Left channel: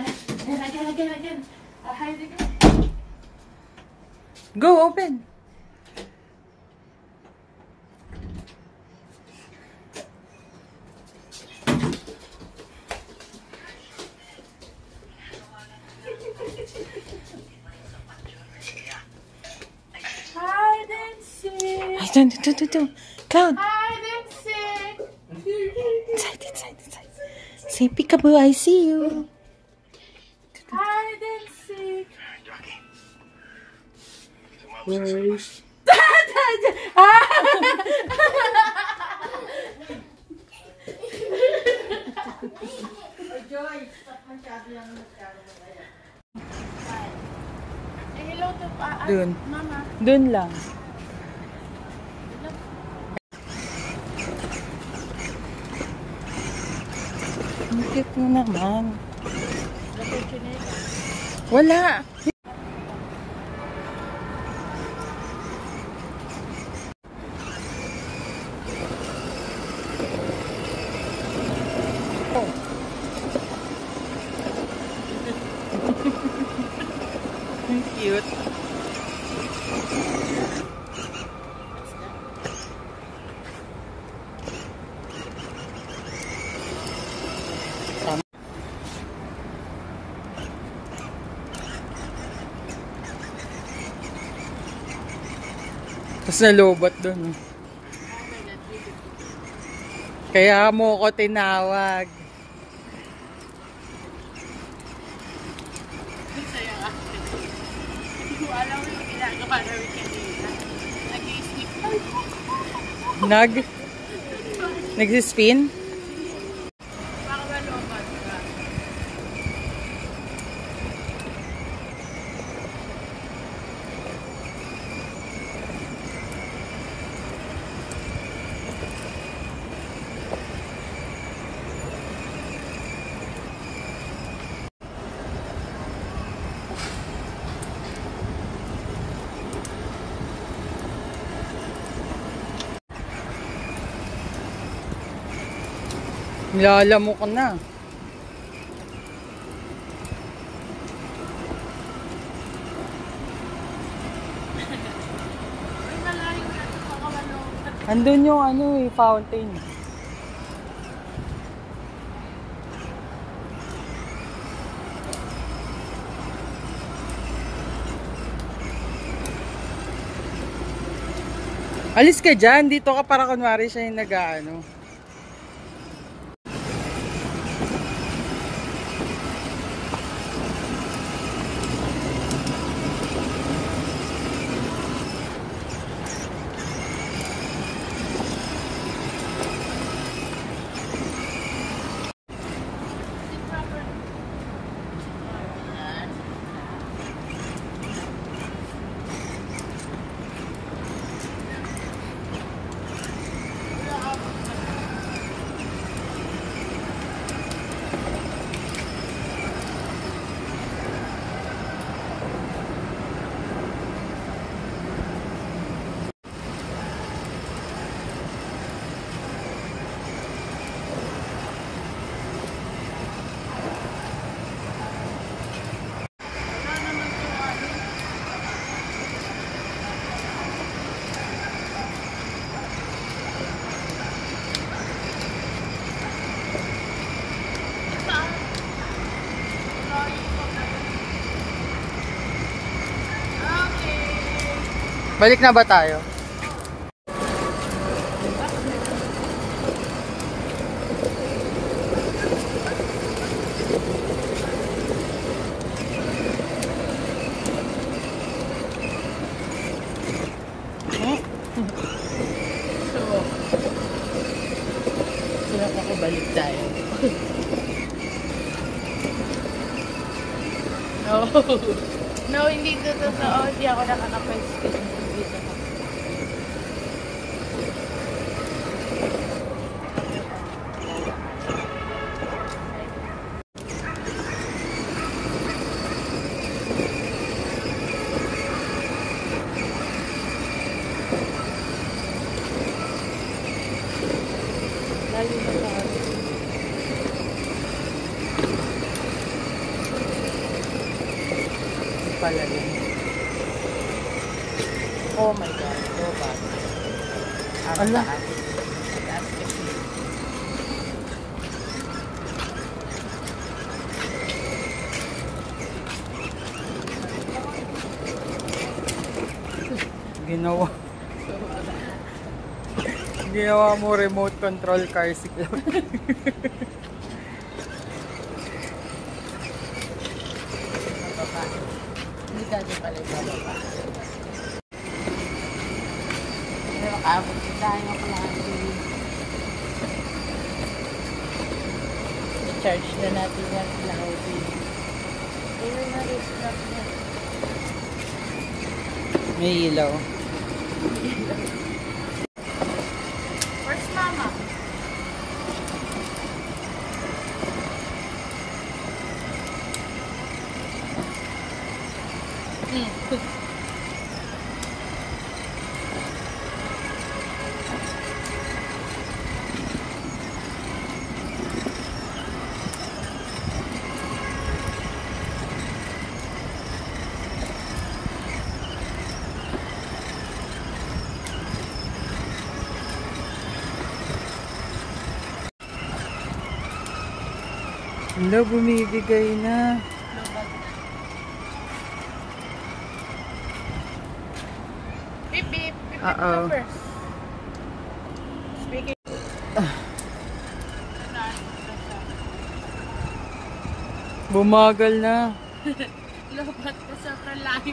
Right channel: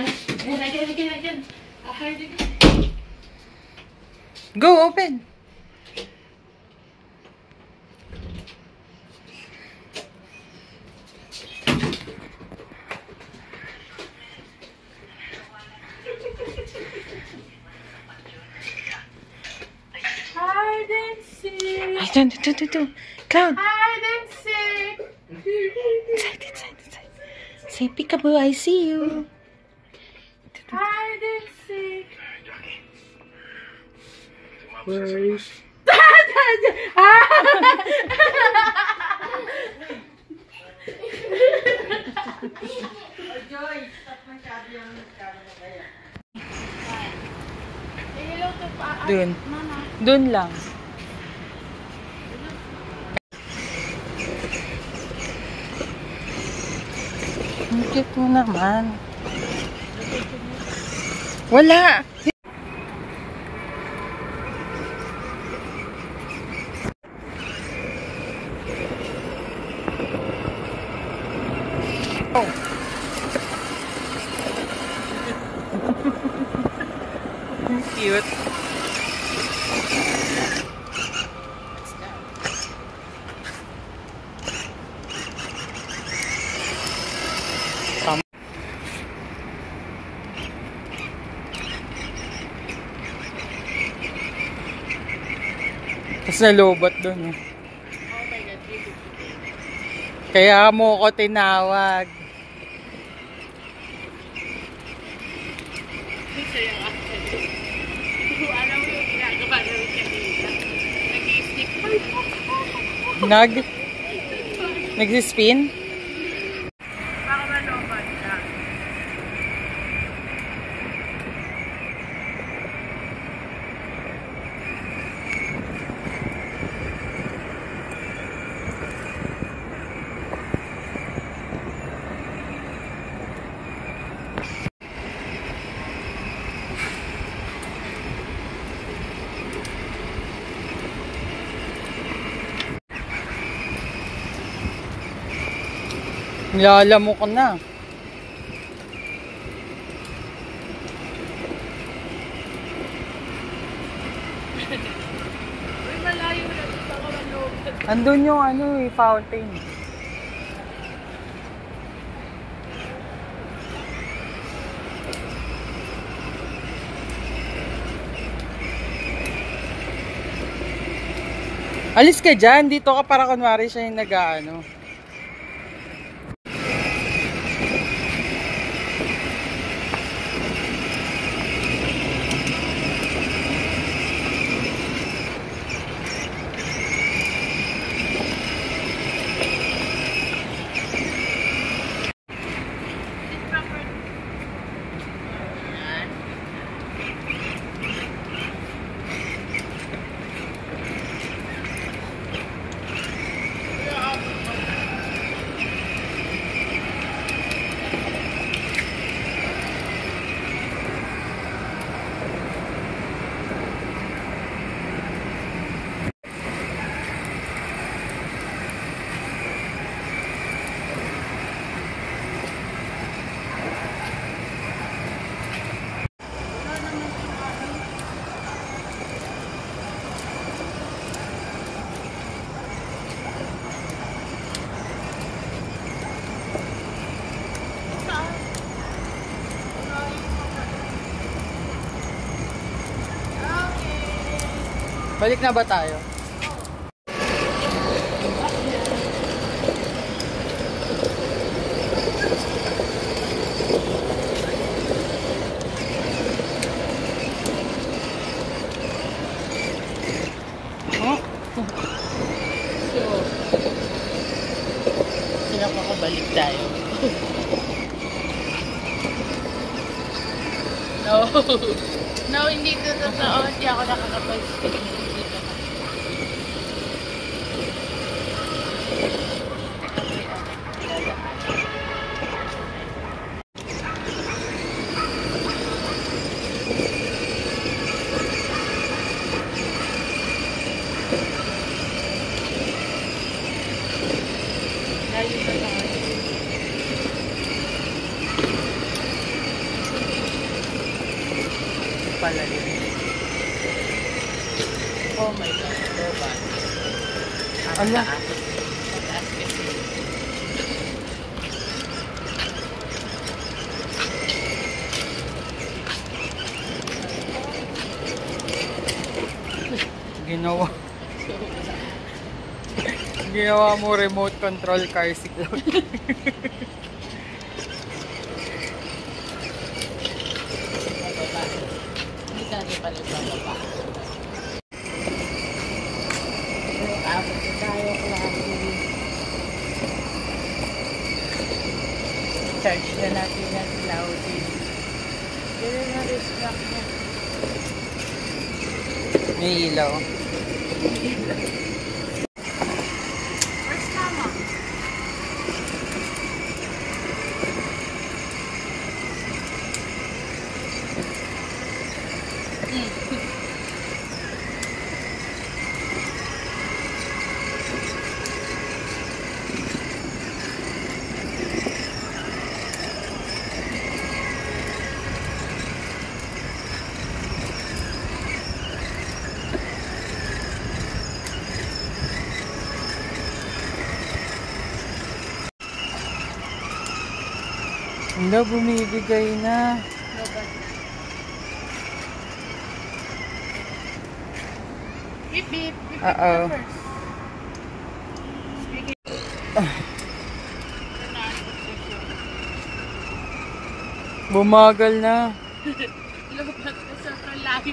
Again. I heard it again. Go, open. Hide and seek. Cloud. Hide and seek. Inside. Say peekaboo, I see you. Hide and seek. Where is... Dun. Dun lang. Ang cute mo naman. Wala. Oh. Cute. Tapos nalobot dun eh. Kaya mo ko tinawag. Alam mo yung ginagawa namin kanina. Nag-i-stick. Nagsispin? Baka malobat ka. Nilalamo ko na. Uy, malayo na. Baka malobat. Andun yung ano eh, fountain. Alis ka dyan. Dito ka para kunwari siya yung nag-ano. Balik na ba tayo? Pinapakabalik tayo. No, hindi totoo. Hindi ako nakakapag-skip dito. Layo ba ako? pala yun. Oh my God. Ala. Ginawa mo remote control car si Cloud. Hindi dati pala ba? Abot ko tayo, Cloudy. Charge na natin yung Cloudy. Pero na-restock niya. May ilaw. Where's Mama? Hindi, bumibigay na. Beep, beep. Beep, Uh-oh. beep first. Speaking. Bumagal na. Lupat ka sa kalayo.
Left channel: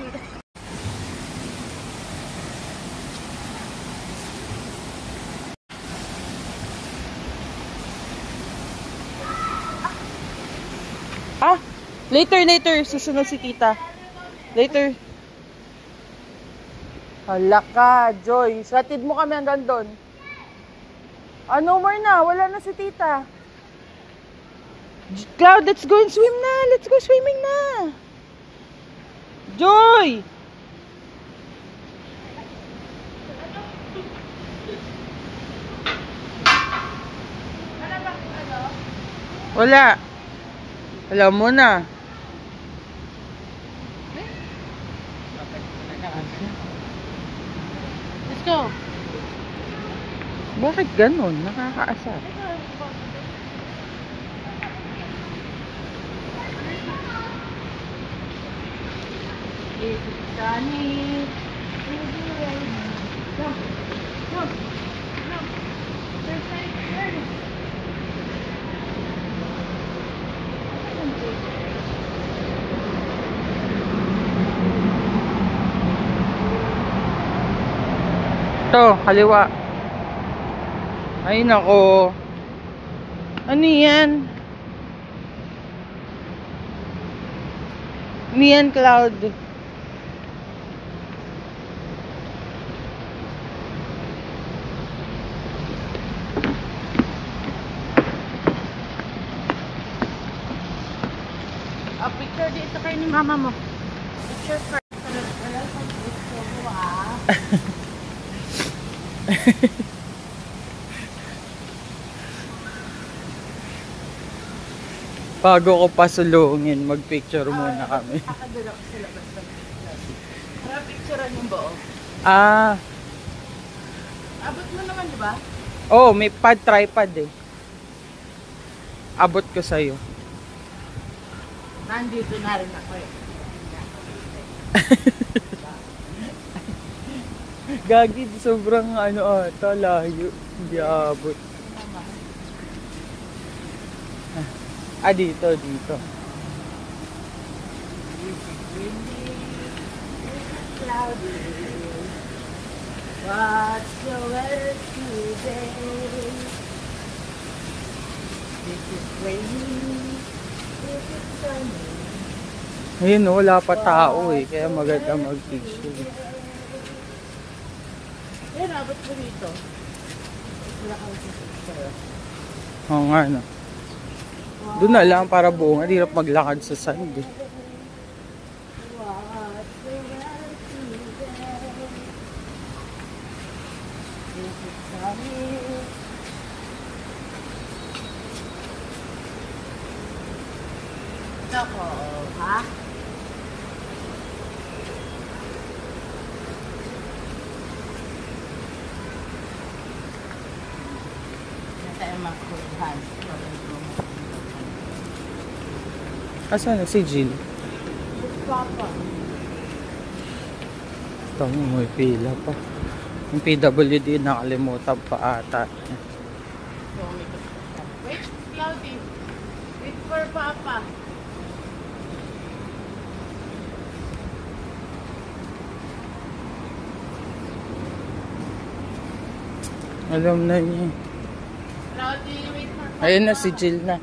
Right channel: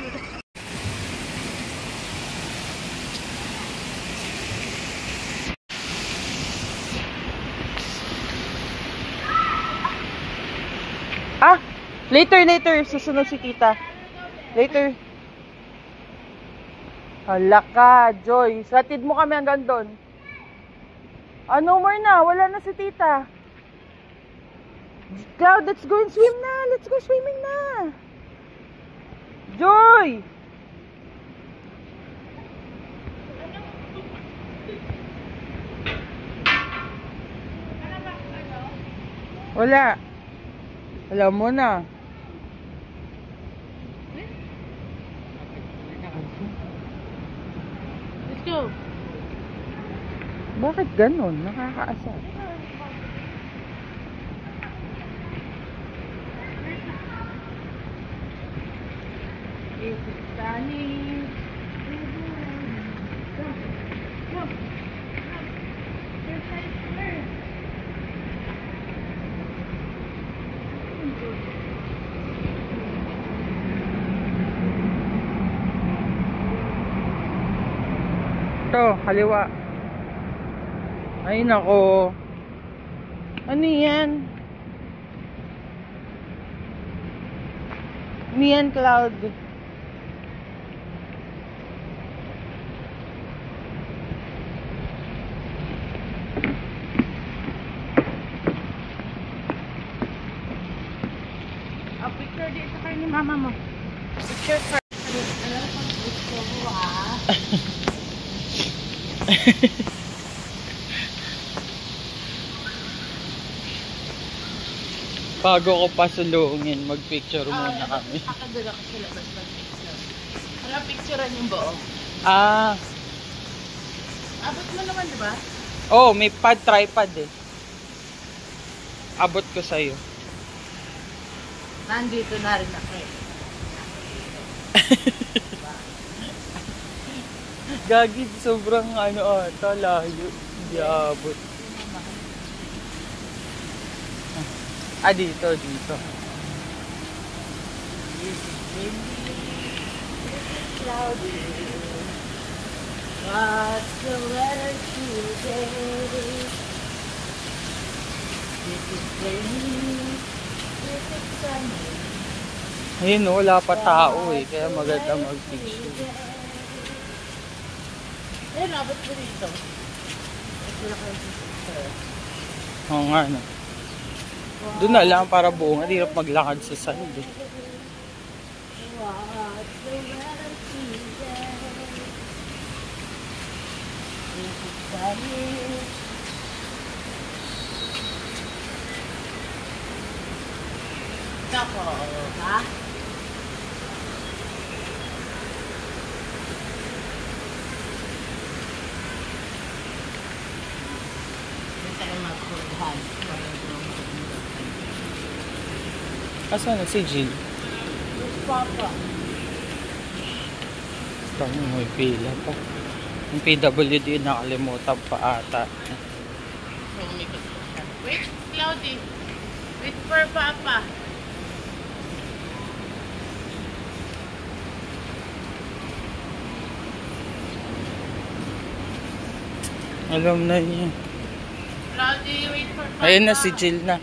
Ah! Later. Susunod si tita. Later. Hala ka, Joy. Satid mo kami hanggang doon. No more na. Wala na si tita. Cloud, let's go and swim na. Let's go swimming na. Joy! Wala. Alam mo na. Let's go. Bakit ganun? Nakakaasar. It's sunny. Jump. There's like there. Ito, kaliwa. Ay nako. Ano yan? Ano yan, Cloud? Picture dito kay ni mama mo. Picture ka. Gusto mo Bago ko pasulungin, magpicture muna kami. Akadala ko sa labas ng para picturean yung buo. Ah. Abot mo naman, di ba? Oh, may tripod eh. Abot ko sa'yo. Nandito na rin ako eh. Gagi, sobrang ata, layo. Hindi abot. Dito. This is windy, this is cloudy. What's the weather today? This is rainy, this is sunny. Ayun, wala pa tao eh. Kaya maganda mag-picture. Ayun, abot mo dito. Wala kayo sa picture. Oo nga, no. Doon na lang para buong. Ang hirap maglakad sa sand eh. What's the weather today? This is sunny. Nako, ha? Asan na si Jill? Papa. Tama, may pila pa. Yung PWD nakalimutan pa ata. So, umikot ko siya. Wait, Cloudy. Wait for Papa. Alam na niya. Cloudy, wait for Papa. Ayun na si Jill na.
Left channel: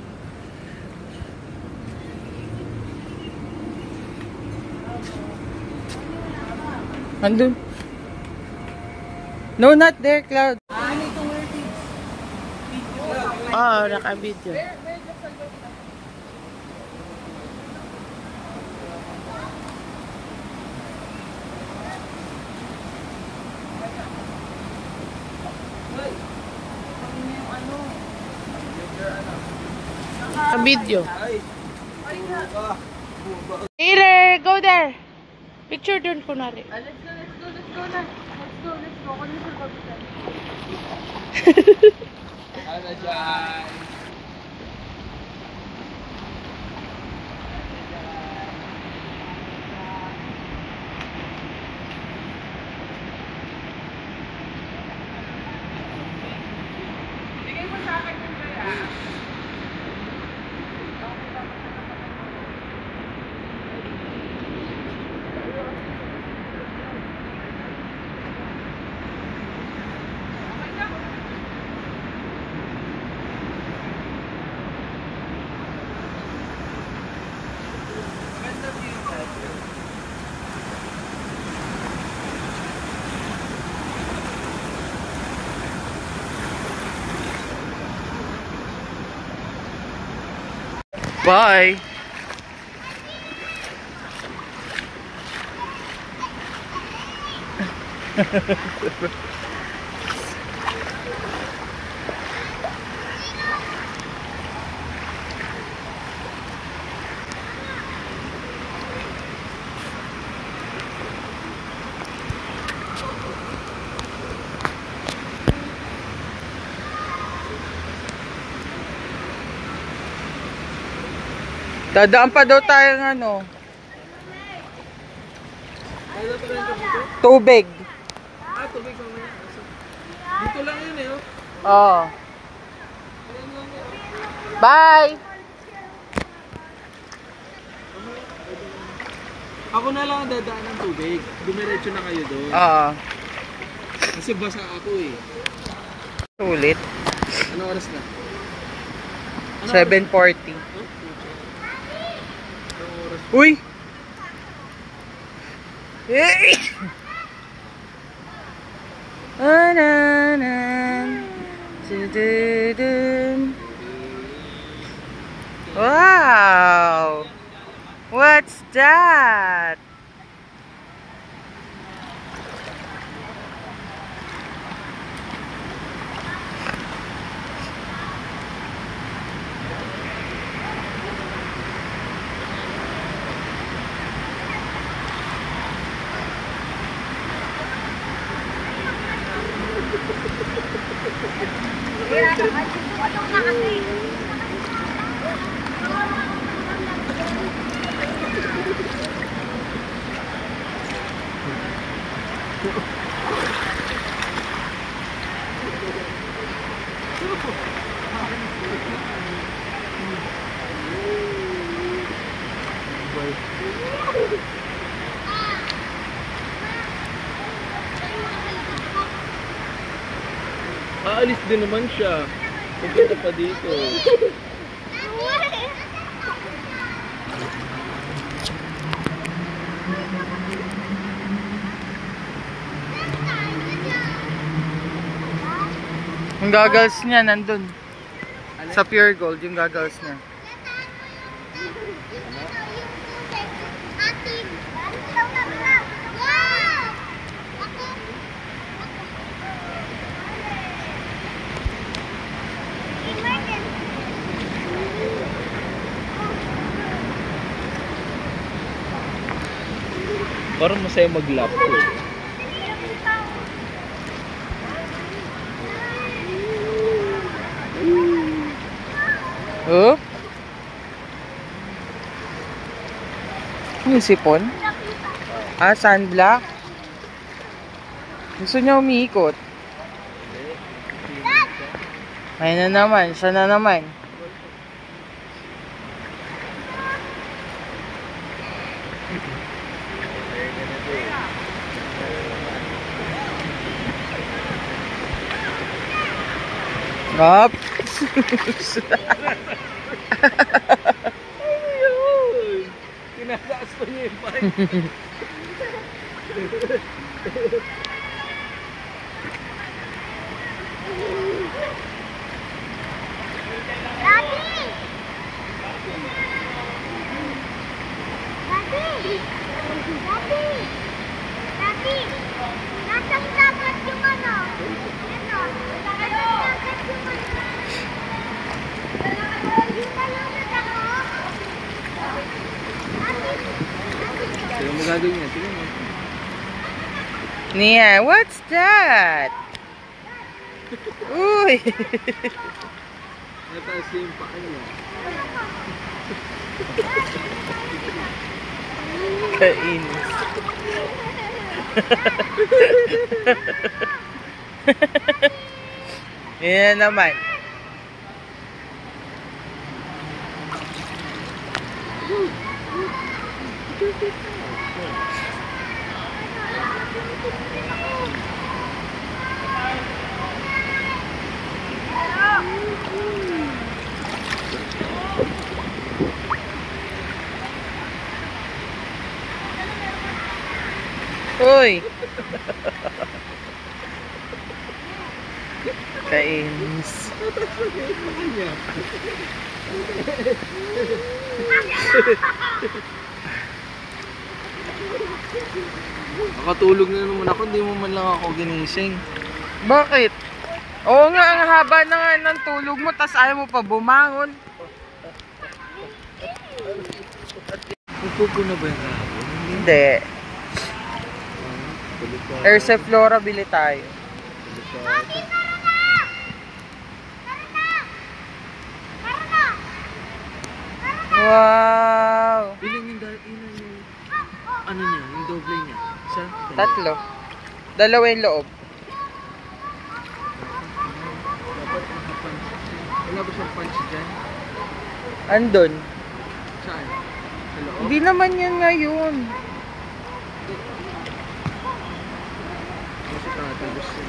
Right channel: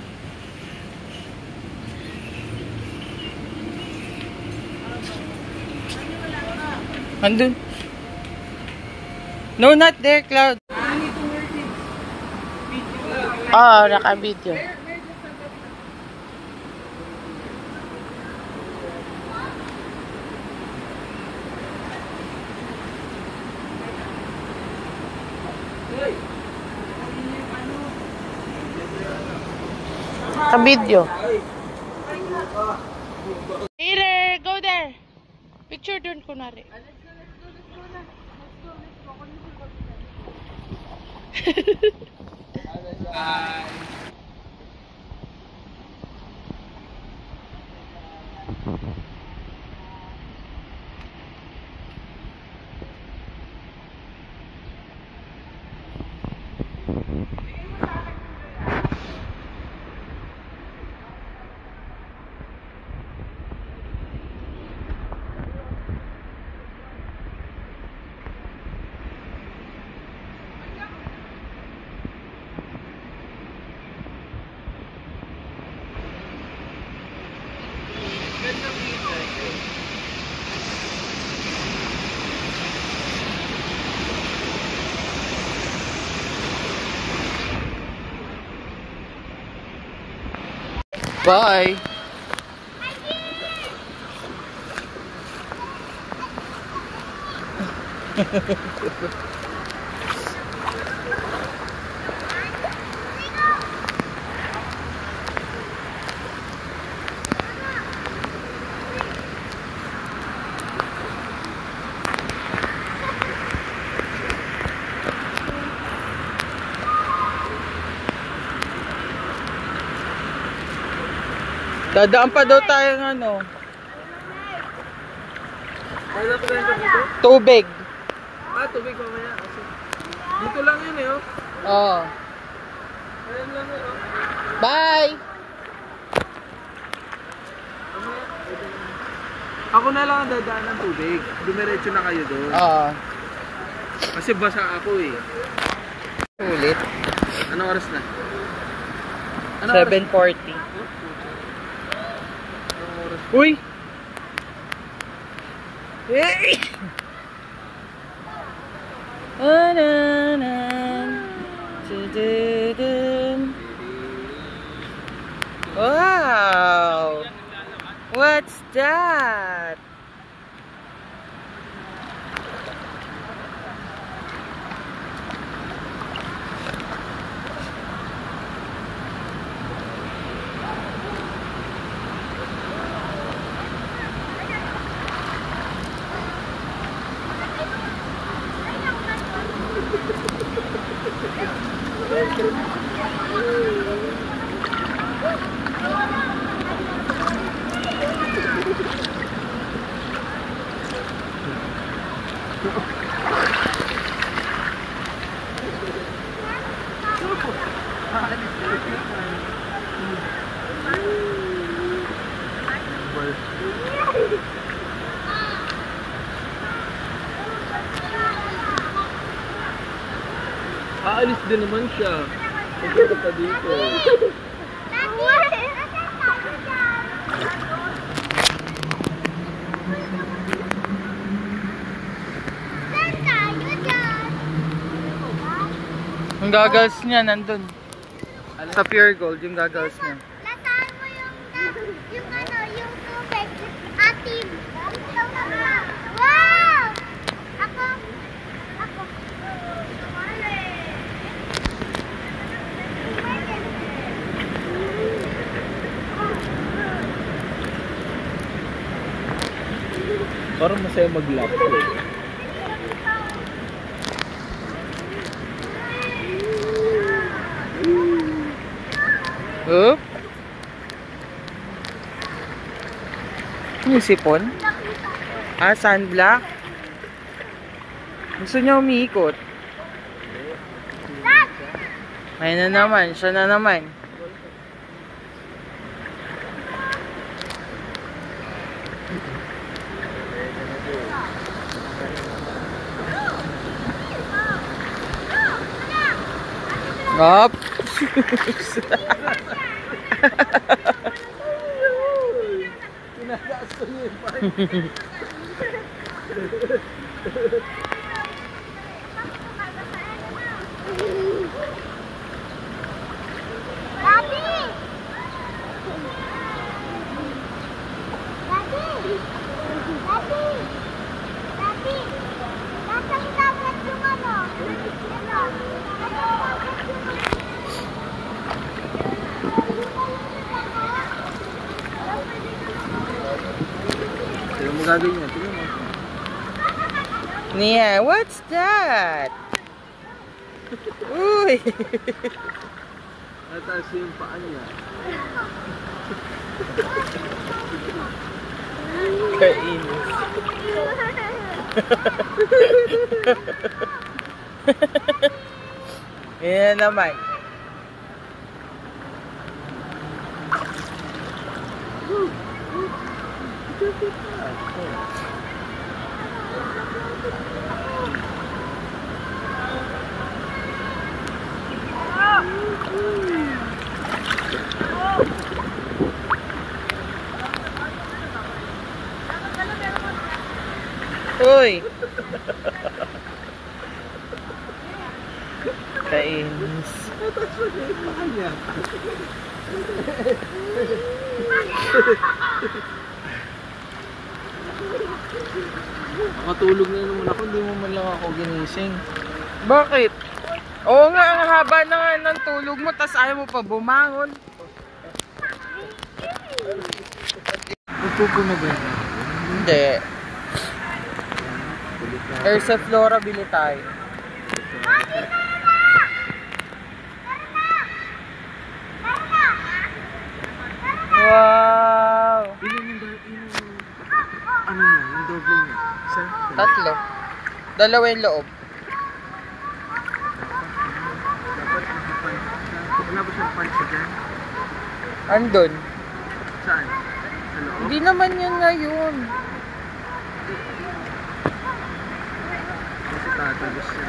Andun. No, not there, Cloud. Oh, naka-video. Naka-video. Here, go there. Picture dun kunwari. Let's go na. Bye. Dadaan pa daw tayo ng ano. Tubig. Ah, tubig mamaya. Dito lang yun eh, oh. Oh. Ayan lang eh, oh. Bye. Ako na lang ang dadaan ng tubig. Dumiretso na kayo doon. Oo. Kasi basa ako eh. Sulit. Anong oras na? 7:40. Anong oras? Uy! Hey! Wow! What's that? Aalis din naman siya. Pupunta pa dito. Yung goggles niya nandun. Sa Pure Gold, yung goggles niya. Parang masaya mag-lap. Oh? Yung sipon? Ah, sunblock? Gusto niya umiikot? Ayun na naman, siya na naman. Ngap! Tinataas ko niya yung bike. Pero mo gagawin niya, tingnan mo. Nia, what's that? Uy! Nataas yung paa niya. Kainis. Yan naman. Uy! Kainis. Nakatulog na naman ako, hindi mo man lang ako ginising. Bakit? Oo nga, ang haba na nga ng tulog mo, tas ayaw mo pa bumangon. Magpupo na ba yan ako? Hindi. Erse Flora, bili tayo. Wow! Ilan yung ano niya, yung doble niya? Isa? Tatlo. Dalawa yung loob. Dapat nakapunch siya. Wala ba siyang punch dyan? Andun. Saan? Sa loob? Hindi naman yan ngayon. Kasi tatagos siya.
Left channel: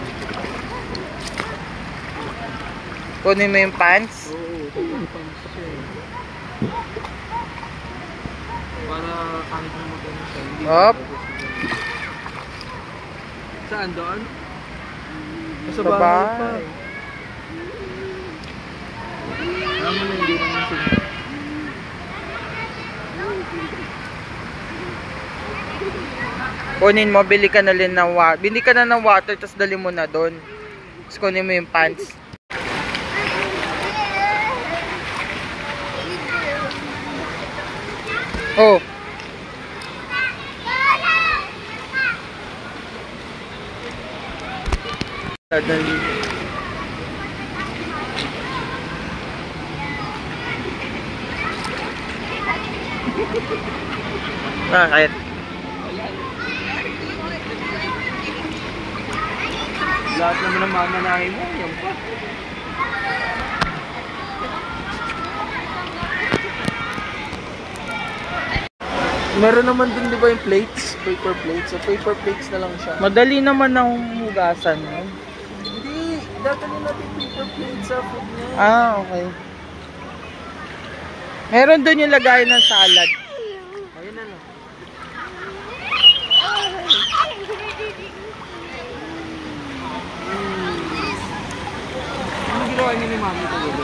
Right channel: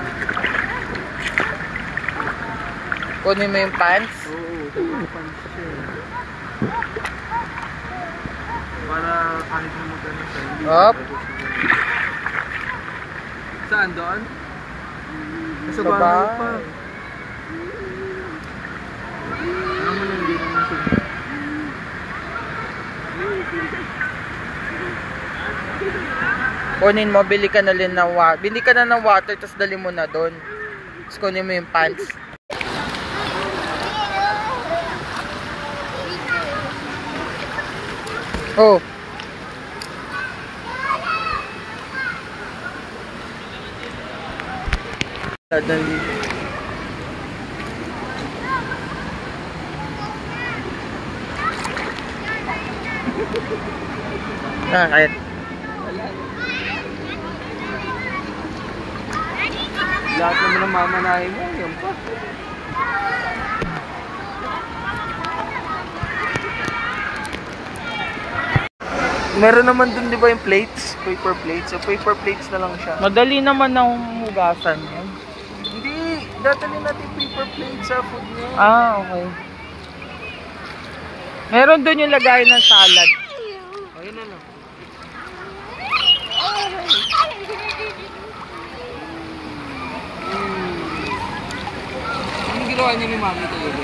Kunin mo yung pants. Oo, dapat punch siya. Para kahit na magano siya, hindi Up. tatagos siya. Saan doon? Sa Sa bahay pa. bahay. Alam mo na hindi naman siya. Kunin mo, bili ka na rin ng water. Bili ka na ng water, tapos dali mo na doon. Tapos kunin mo yung pants. Oh. Dali. Bakit? Lahat naman ng mamanahin mo, yan pa. Meron naman dun di ba yung plates? Paper plates. So paper plates na lang siya. Madali naman ang hugasan mo. Hindi, dadalhin natin paper plates sa food niya. Ah, okay. Meron doon yung lagayan ng salad. Ayun na lang. Ano ginawa niyo ni Mami talaga?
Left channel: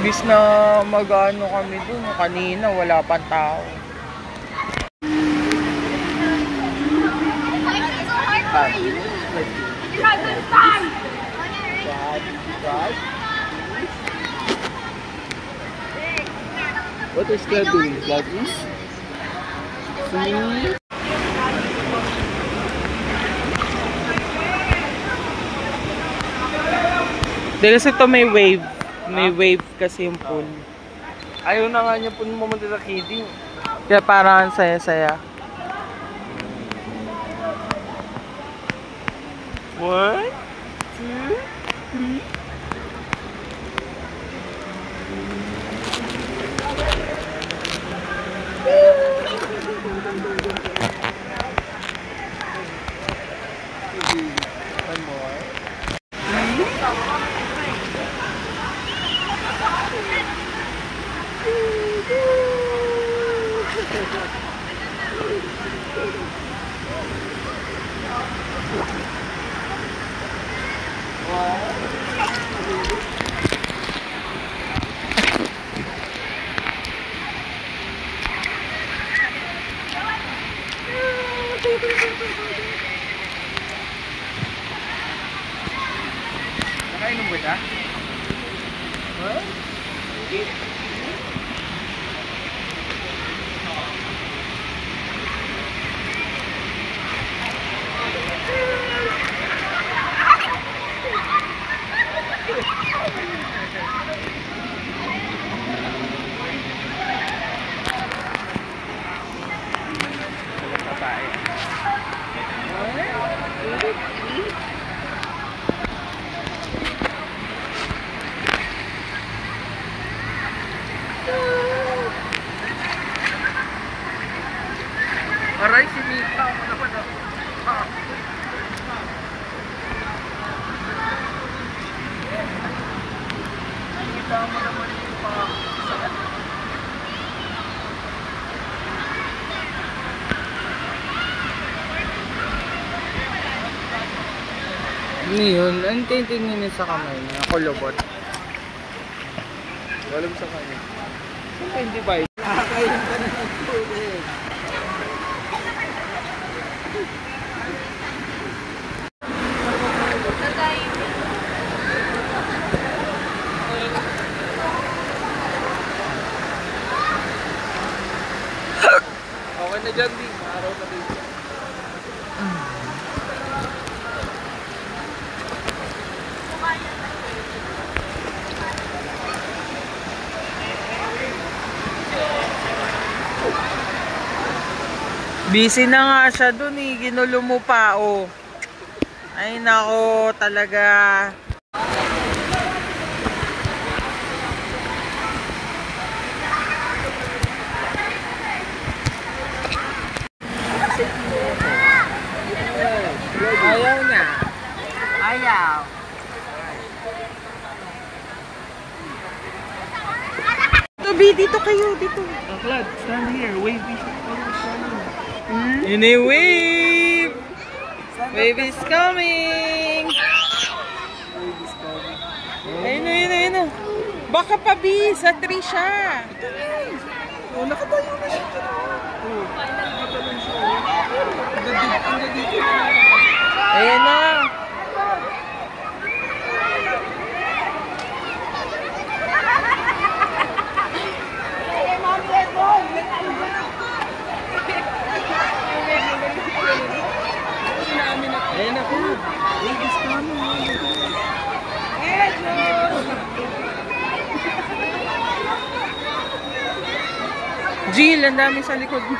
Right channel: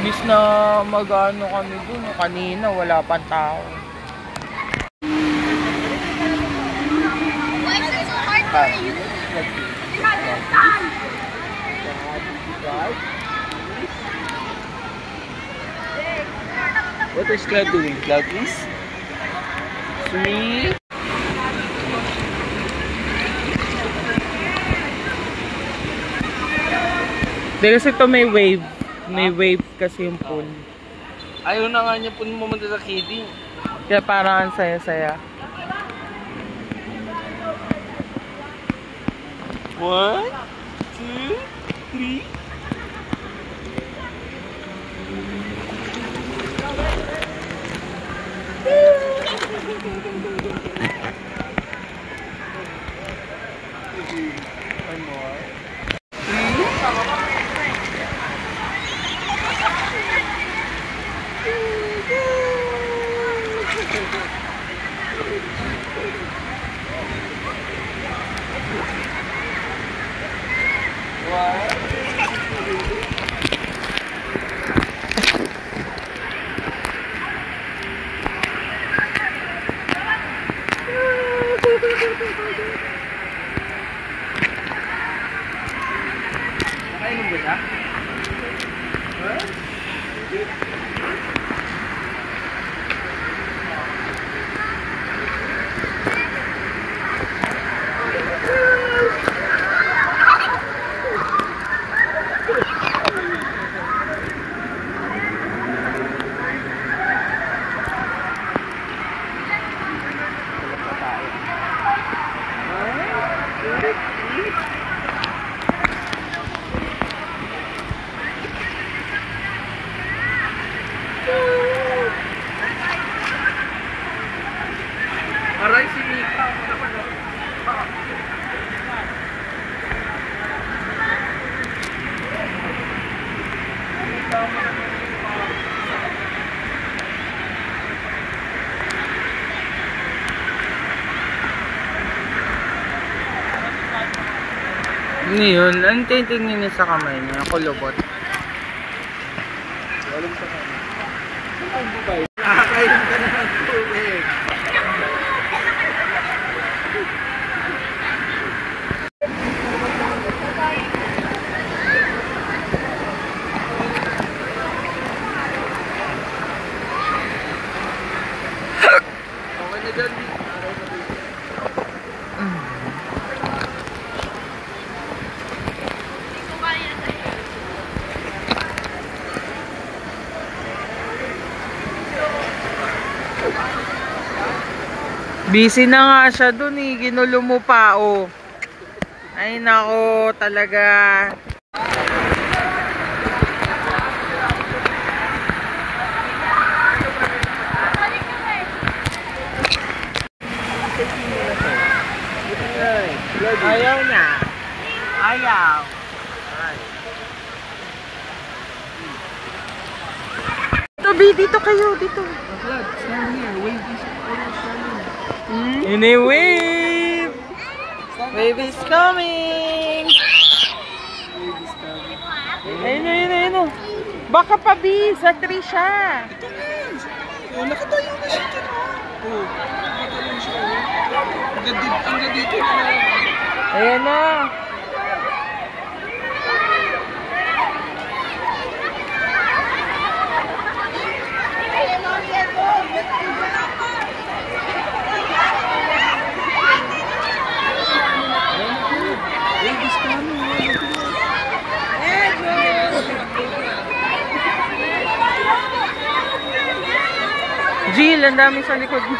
Imbis na mag-ano kami doon, kanina wala pang tao. What is Cloud doing? Cloud is? Sweet. Dahil kasi ito may wave. May wave kasi yung pool. Ayaw na nga niya po pumunta sa kidding. Kaya parang ang saya-saya. 1, 2, 3. One more. 1. Nakainom ba siya? Aray, si Mika. Ano yun? Ang tingin niya sa kamay niya. Kulubot. Walang sa kanya. Hindi ba? Nakakainom ka na ng tubig. Okay na dyan, Di. Araw na dito. Busy na nga siya dun eh. Ginulo mo pa oh. Ay nako talaga. Ayaw niya. Ayaw. Dito, B, dito kayo, dito. Vlad, stand here. Wave is In a wave! Wave is coming! Wave is coming. Ayun na, ayun na, ayun na. Baka pa, B, sa tree siya. Oh, nakatayo na siya. Oh, nakatayo siya. Hanggang dito na. Ayan na. Wave is coming. Jill, ang dami sa likod mo.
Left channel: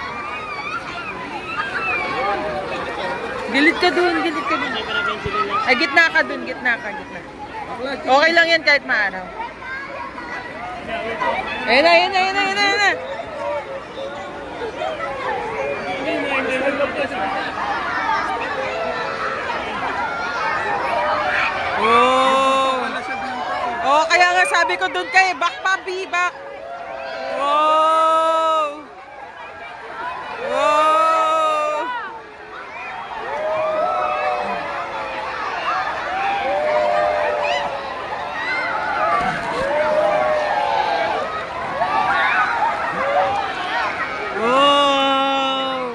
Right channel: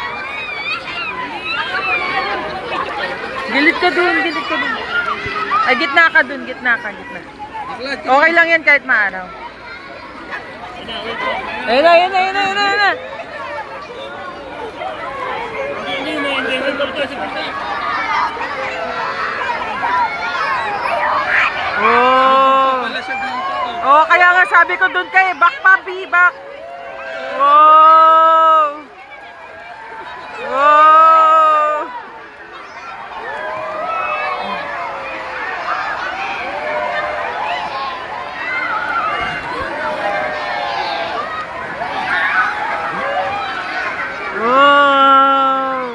Gilid ka dun, gilid ka dun. Ay, gitna ka dun, gitna ka, gitna. Okay lang yan kahit maaraw. Ayun na, ayun na, ayun na, ayun na, ayun na. Oh. Oh, kaya nga sabi ko dun kay back pa, B, back. Wow. Wow. Wow.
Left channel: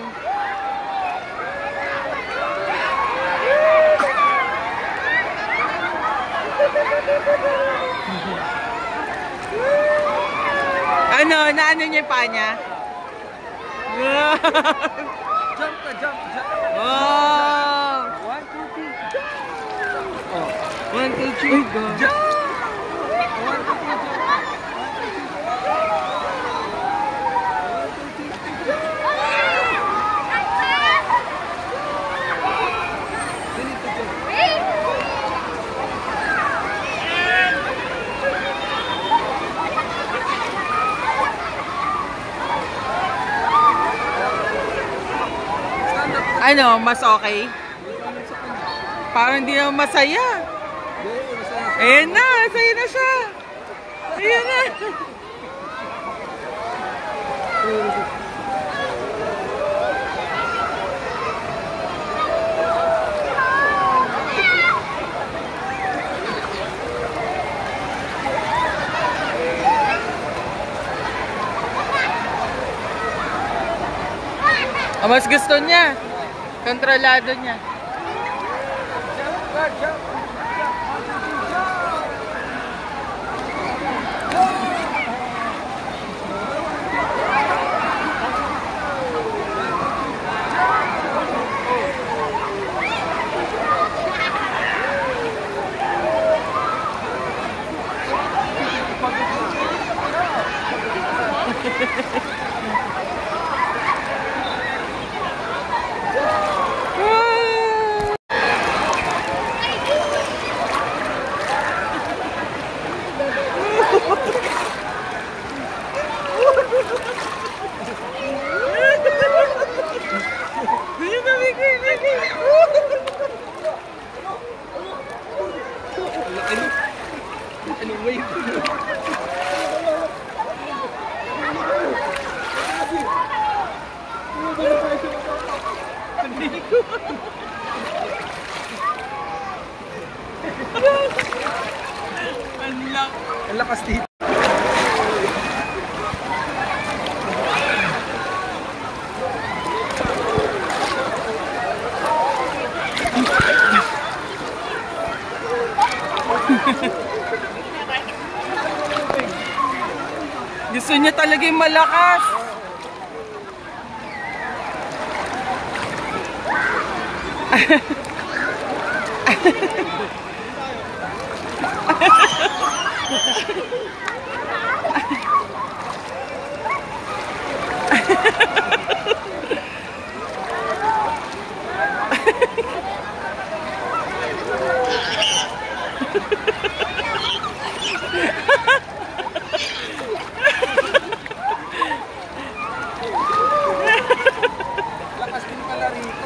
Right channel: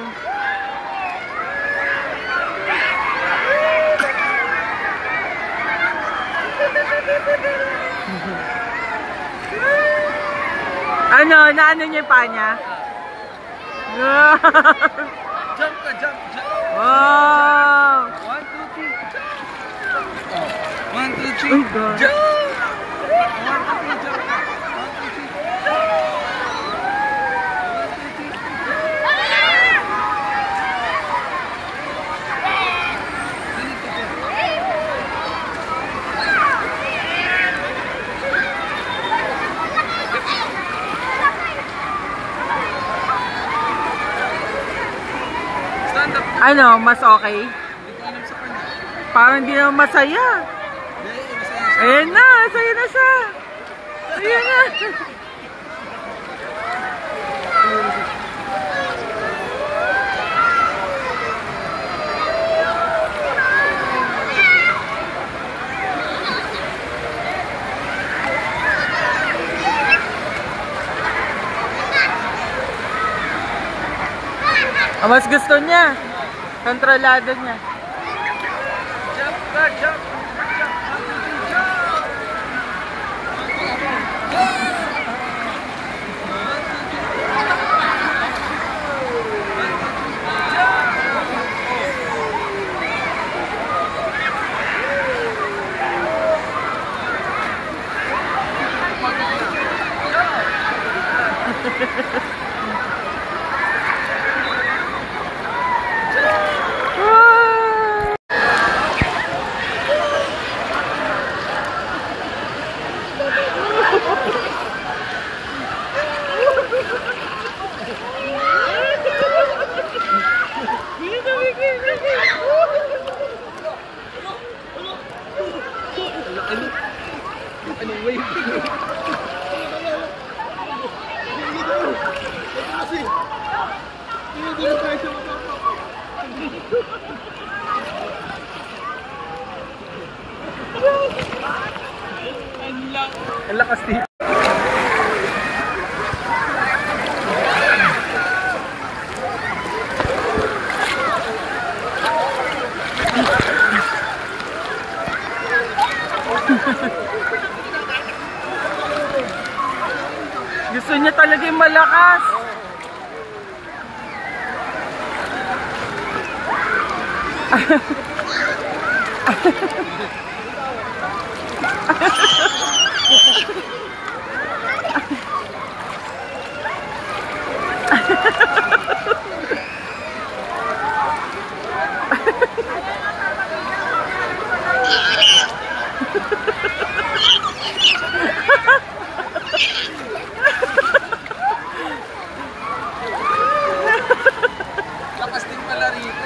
Ano? Naano niya yung paa niya? Jump ka, jump, jump. Wow! 1, 2, 3, jump. Oh, 1, 2, 3, Oh, God. jump. 1, 2, 3, jump. 1, 2, 3. Ano, mas okay? Parang hindi naman masaya. Ayan na, masaya na siya. Ayan na. Mas gusto niya. Kontrolado niya. Ang lakas dito. Gusto niya talaga yung malakas. Lakas din pala rito.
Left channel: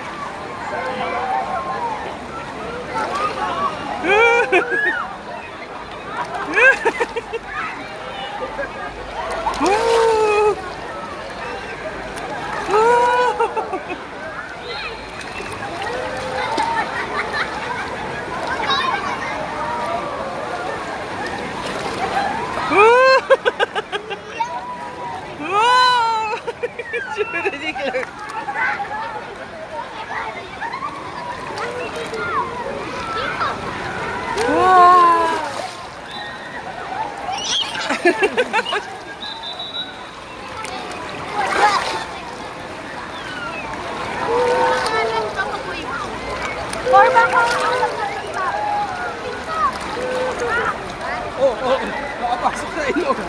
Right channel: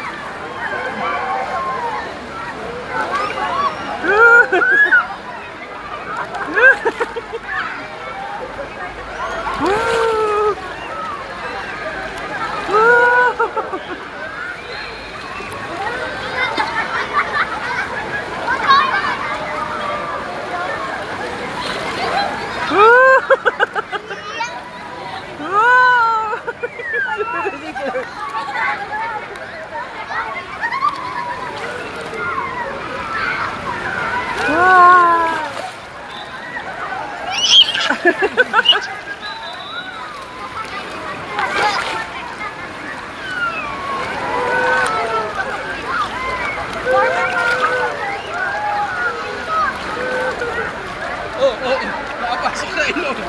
Nakapasok na ilong.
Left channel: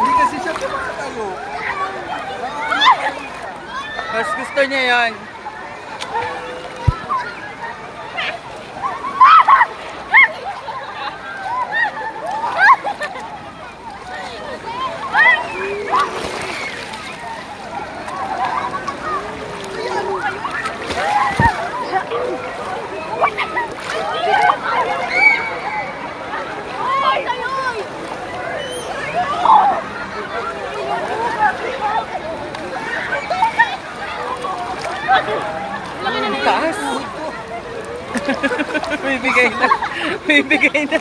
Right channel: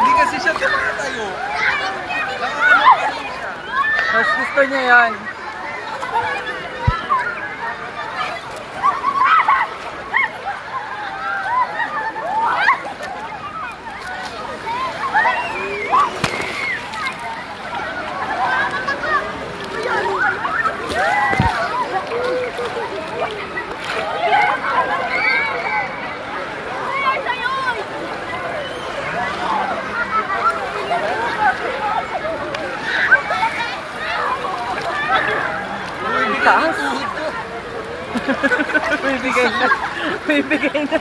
Hindi kasi siya tumatayo. Mas gusto niya yan. Taas. May bigay na. May bigay na.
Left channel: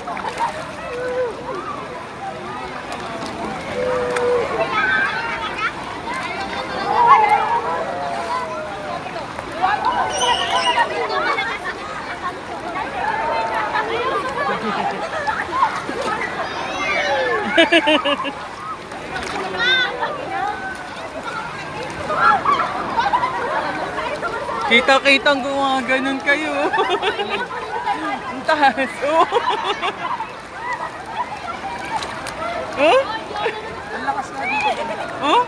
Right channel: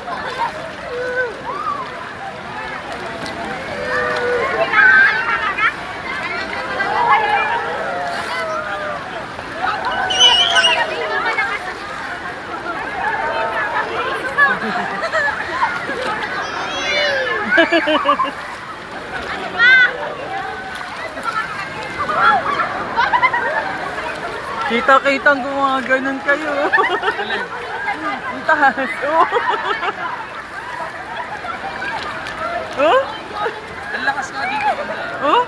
Kita-kitang gumaganon kayo. Ang taas. Oh. Oh? Ang lakas nga dito. Oh?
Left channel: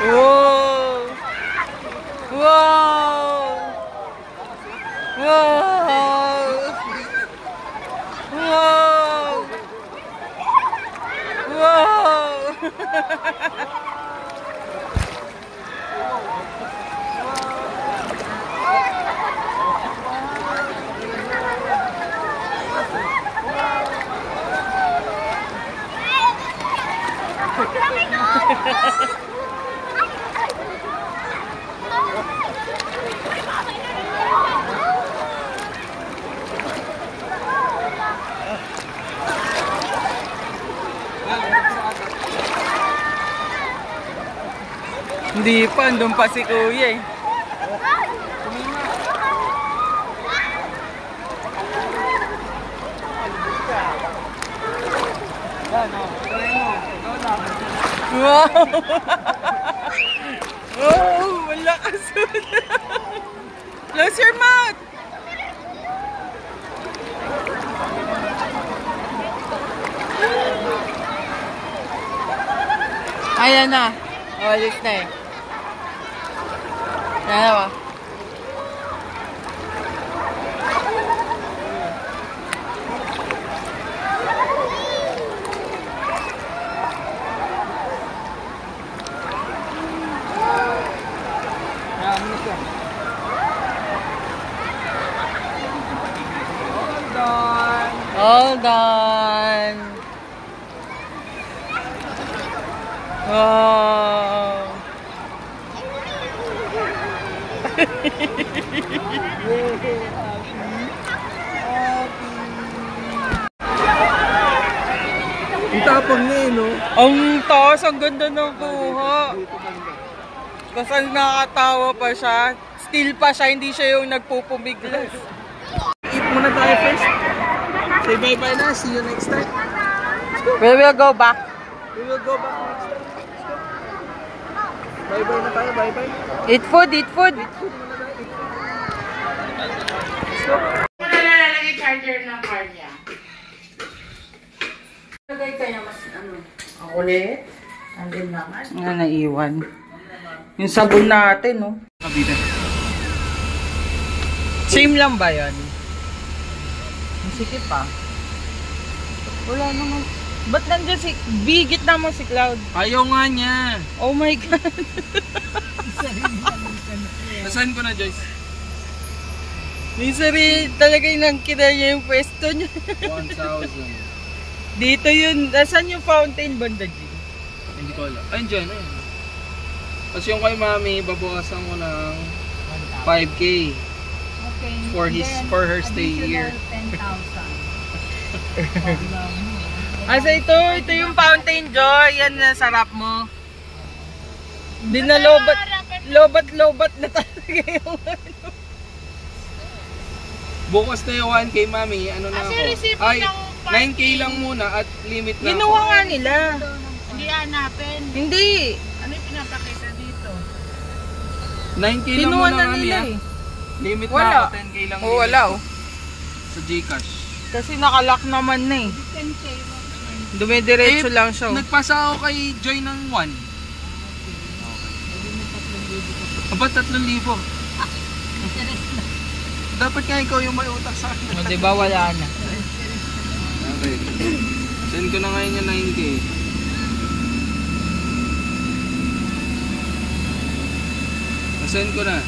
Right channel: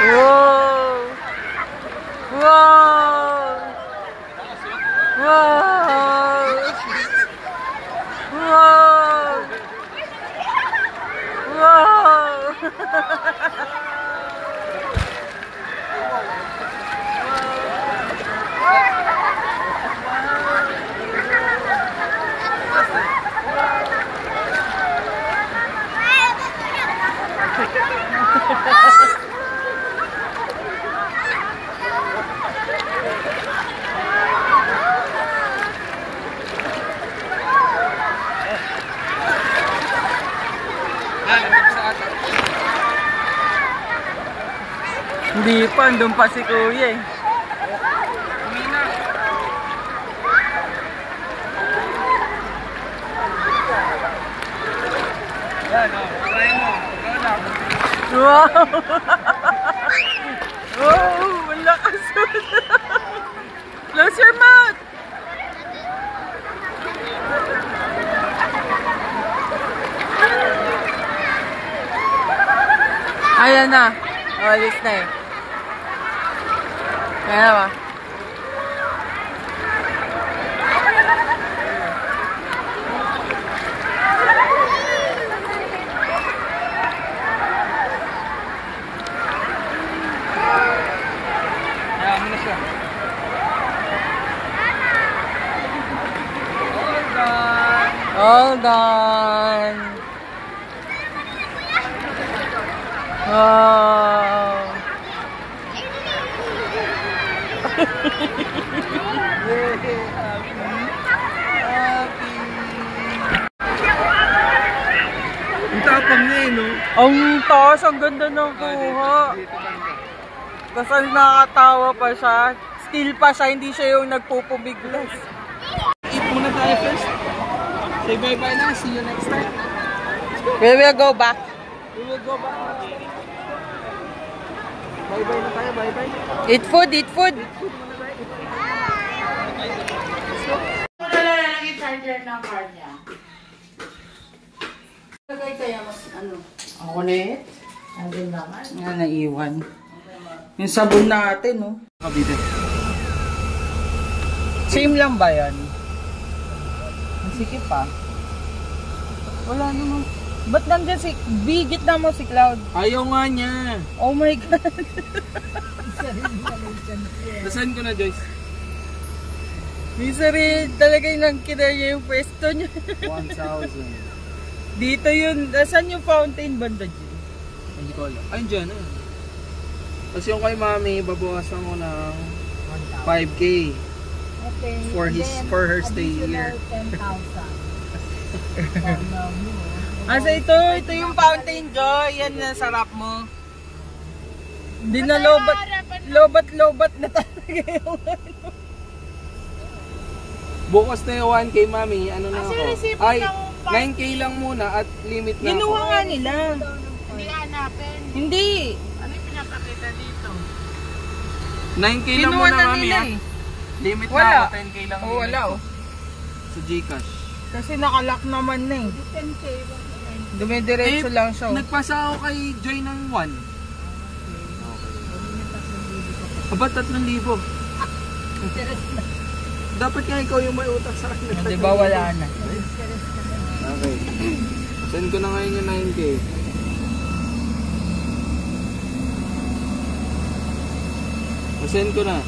Wow! Wow! Wow! Wow! Wow! Hindi pa, andun pa si Kuya eh. Wow! Oh, wala ka Close your mouth! Ayan na. Oh, alis na eh. Ayan na ba? All done. Wow. Ang tapang na eh, no? Ang taas, ang ganda ng kuha. Kasi nakakatawa pa siya. Still pa siya, hindi siya yung nagpupumiglas. Eat muna tayo first. Say bye-bye na. See you next time. We will go back. We will go back next time. Let's go. Bye-bye na tayo. Bye-bye. Eat food, eat food. Ano na lalagay charger ng car niya? Lagay kaya mas ano? Ang ulit. Andun naman. Nga naiwan. Yung sabon natin, no? Kabida. Same lang ba yan? Ang sikip pa. Wala naman. Ba't nandiyan si... Bigit naman si Cloud. Ayaw nga niya. Oh my God. Nasaan ko na, Joyce? Misery, talaga yung nangkita niya yung pwesto niya. 1,000. Dito yun. Nasaan yung fountain banda, G? Hindi ko alam. Ay, dyan. Ayan. Kasi yung kay mami, babawasan ko ng 5K. Okay. For her stay here. 10,000. Asa ito yung fountain, Joy. Yan na sarap mo. Hindi na lobat na talaga yung ano. Bukas na yung 1K, mami. Ano na ako? resibo Ay, ng 9K lang muna at limit na Ginawa ako. nga nila. Hindi hanapin. Hindi. Ano yung pinapakita dito? 9K lang Kinuha muna, na mami, nila ha? eh. Limit Wala. na ako. 10K lang. Oh, wala oh. Sa Gcash. Kasi nakalock naman na eh. 10K. Dumidiretso lang siya. Oh. Nagpasa ako kay Joy ng 1. Okay. Aba, 3,000. Dapat nga ikaw yung may utak sa akin. Di ba wala na? Okay. Send ko na ngayon yung 9K. Send ko na.